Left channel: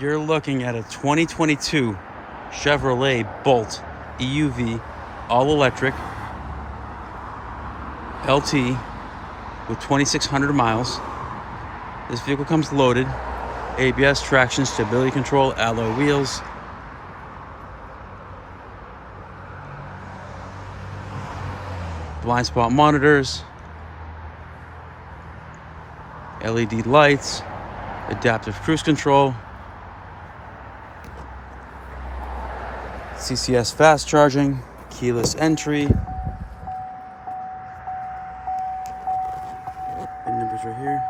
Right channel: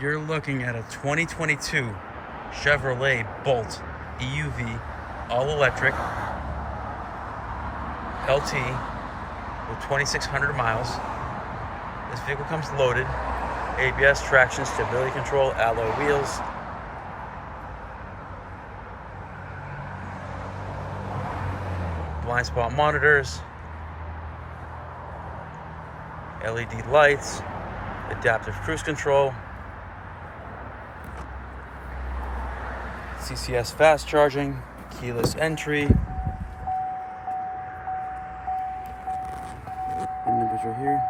You're looking at a 2022 Chevrolet Bolt EUV all-electric LT with 2,600 miles. This vehicle comes loaded. ABS, traction, stability control, alloy wheels. Blind spot monitors. LED lights. Adaptive cruise control. CCS fast charging, keyless entry. VIN numbers right here.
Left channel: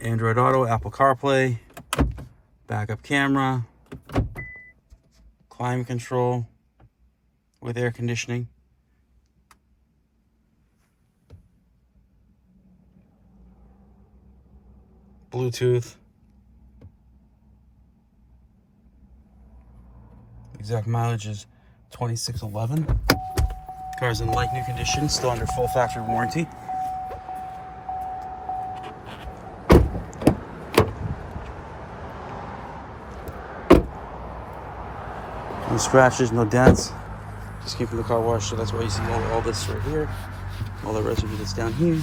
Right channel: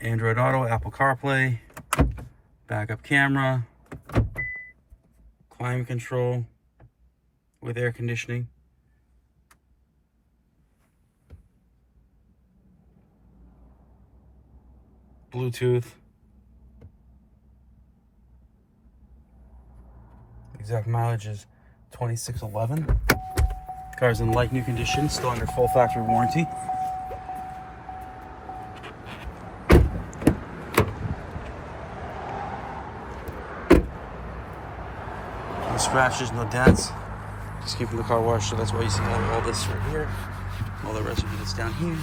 Android Auto, Apple Carplay, backup camera, climate control with air conditioning. Bluetooth. Exact mileage is 2611. Car's in like new condition, still under full factory warranty. No scratches, no dents. Just came from the car wash, so that's why you see all this right here. All the residue that's down here.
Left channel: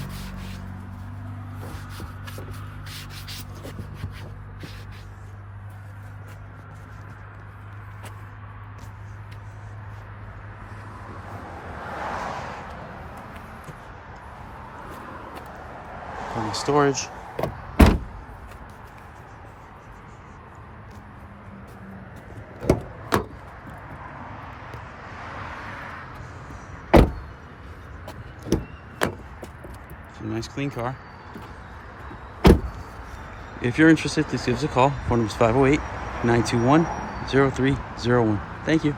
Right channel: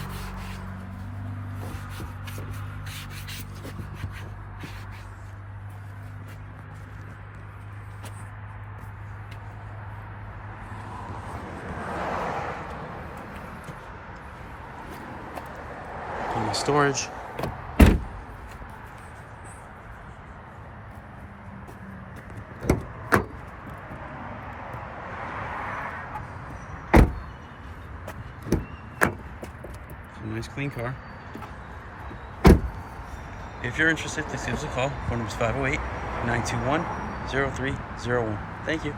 Plenty of storage. It's a nice clean car. If you're interested, just give us a call. Phone number is 508-921-0301. Thank you.